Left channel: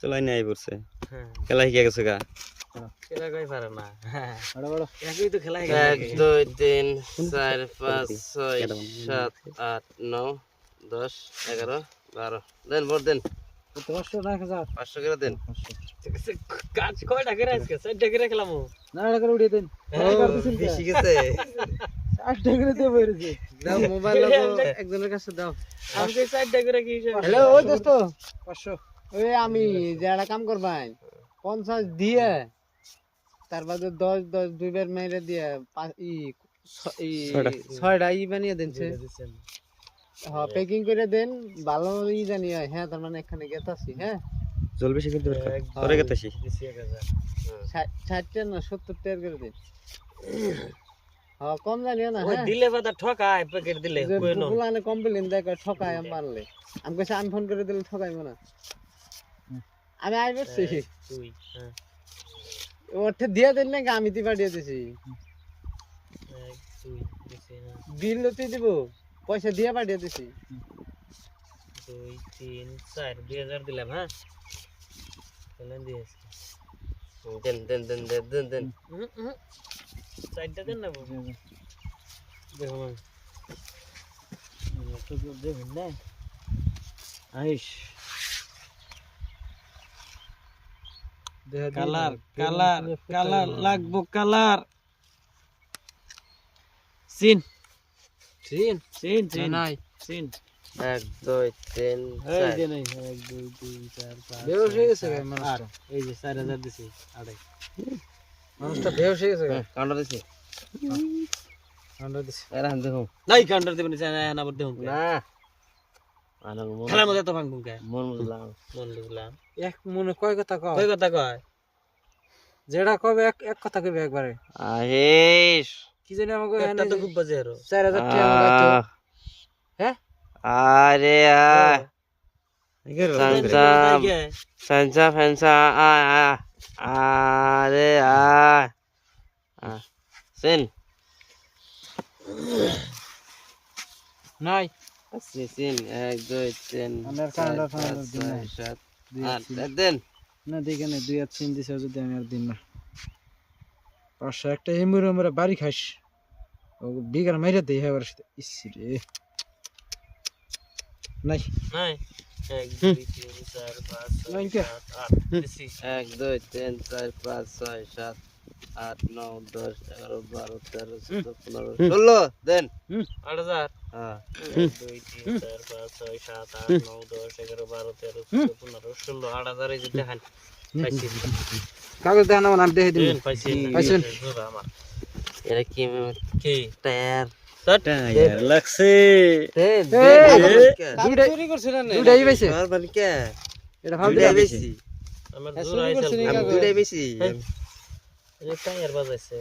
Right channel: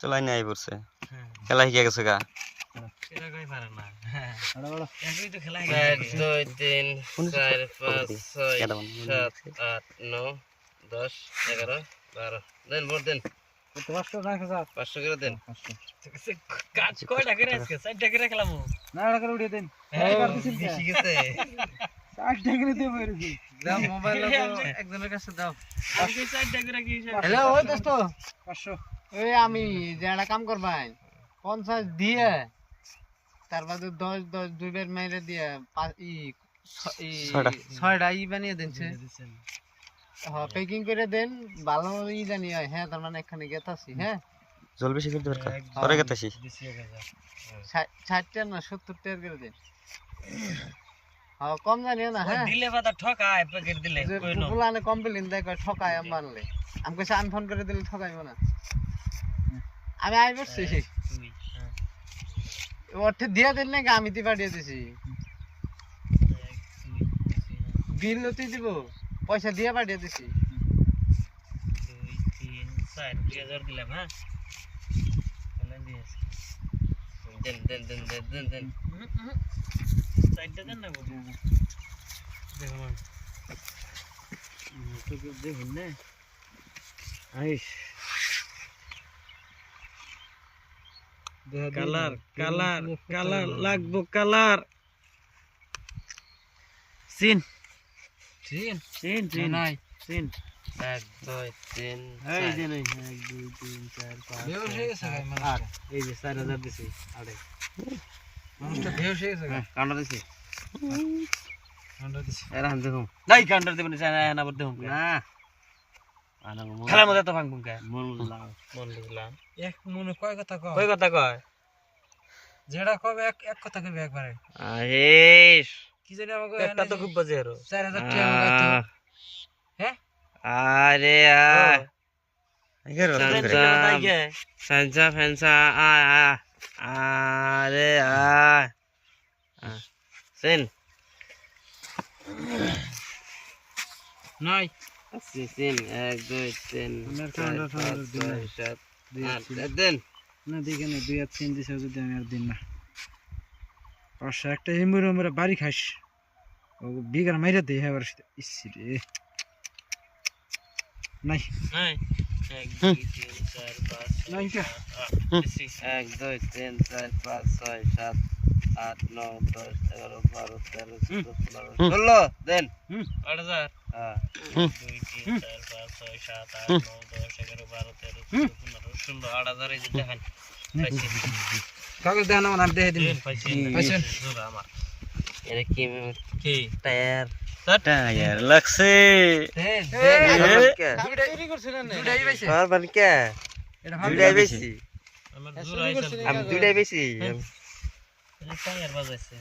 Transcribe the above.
চলাই নাই পড়ছে খেলা শিখে গেছে গা খেলা কই পারে না বড় বড় একই তো খেলা 1 2 3 4 5 6 7 8 9 10 11 12 দেন ভোট দেন কত 500 না 1000 500 করে দেন কাজ কয়টা করে আজকে 4টা করে খেলামু না ওটা করে উড়িয়ে দেন বেশি গেছে 8 টাকা দিয়ে বেরিয়েছে দাও মোবাইল একজনের কাছে দাও আমি 4টা করে কি হিসাব হ্যালো ও দোস্ত 500 ওই আমি যারা কাম করবাই 50 দিয়ে তার বাদে 10 10 দুইবার মাইরে দিয়ে ছয়টা ই বানিয়ে দেনছে হ্যাঁ প্যাকিং করে দেন ভালো ই জানি হয় হ্যাঁ তার মানে এখানে গেতাছি হ্যাঁ জল বেশি ফেলতে পারকা পরে গেতেছি 60 টাকা না 70 টাকা করে দেন হ্যাঁ কম জানিও না হ্যাঁ দিলে পাতা ঠকায় প্যাকেট দিলে কই না ফুলানে কমপ্লেইন দেয় ঠকায় আমি মানলে আমি কইছি আমি ফোন করে দিলে ঠকাইবো না আমি আই বসছি তুই হ্যাঁ ওঠে দিয়ে দেন নাকি আমি তি পাঠিয়ে দিছি তুই দিছি হ্যাঁ বিল তুই দিব পয়সা দিয়ে পাঠিয়ে দিছি 2 3 4 2000 দিলাম হ্যাঁ চলেন দিয়েছি দেন দেন দেন দেন দেন দেন 4টা দেন না দেখো আমি তো দেখুন না আইস কালার কালার কালার লাগবো কালার সিন সিন সিন সিন নাই সিন 1 2 3 এই যে নাই 1 2 3 4 5 বেউস হয়ে গেছে এই যে 4000 দিছি আড়ে মানুষটা বেউস হয়ে গেছে কাউন্টার দিছি কাউন্টার দিছি এরা হান দেখো নাই কাউন্টার দেবেন না বলতে হুম না আনা খেলার মধ্যে তো ভাঙবুম কে মন বুঝলাম মন বুঝলাম এক মনে কয় কথা কও কই কথা কয় যেটা কবে এক কথা কবে একবারে আহেশ কি জানি আমাকে একটা তো খুব বাজে আরো 4000 টাকা আমাকে তো হ্যাঁ আরে ফেন্সা ফেন্সা আরে সেন নাই সিন 1 2 3 আমার 4 কাউন্টার 5 দিন 6 7 8 দেন না দেখে না 2 আর 3 দিছে যদি আমি আর দিন না 500 একটা এমুরে আমরা বাড়ি খাইস ও বিগার মাইরা দেই হবার ইসি রে নাই নাই 1 2 3 4 5 নাই 6 কে 7 8 দিছি 1 2 3 4 5 6 7 8 9 10 11 12 13 14 15 16 দেন 8000 হ্যাঁ 2 3 4 5 6 7 8 9 10 11 12 13 14 15 16 8000 এই যে দেখেন পাইছি কাগজ দেন না আমি দেখে দিন পাইছি পাইছেন আমার এটা কি কি টায়ার টায়ার লাগছে এ চুরি করছিলেন না দুটাই পাইছে আর বান কে এটা দুটাই বেশি আমার জোর আইছিল আমি দুটাই বেশি এই টায়ার বাজাইছে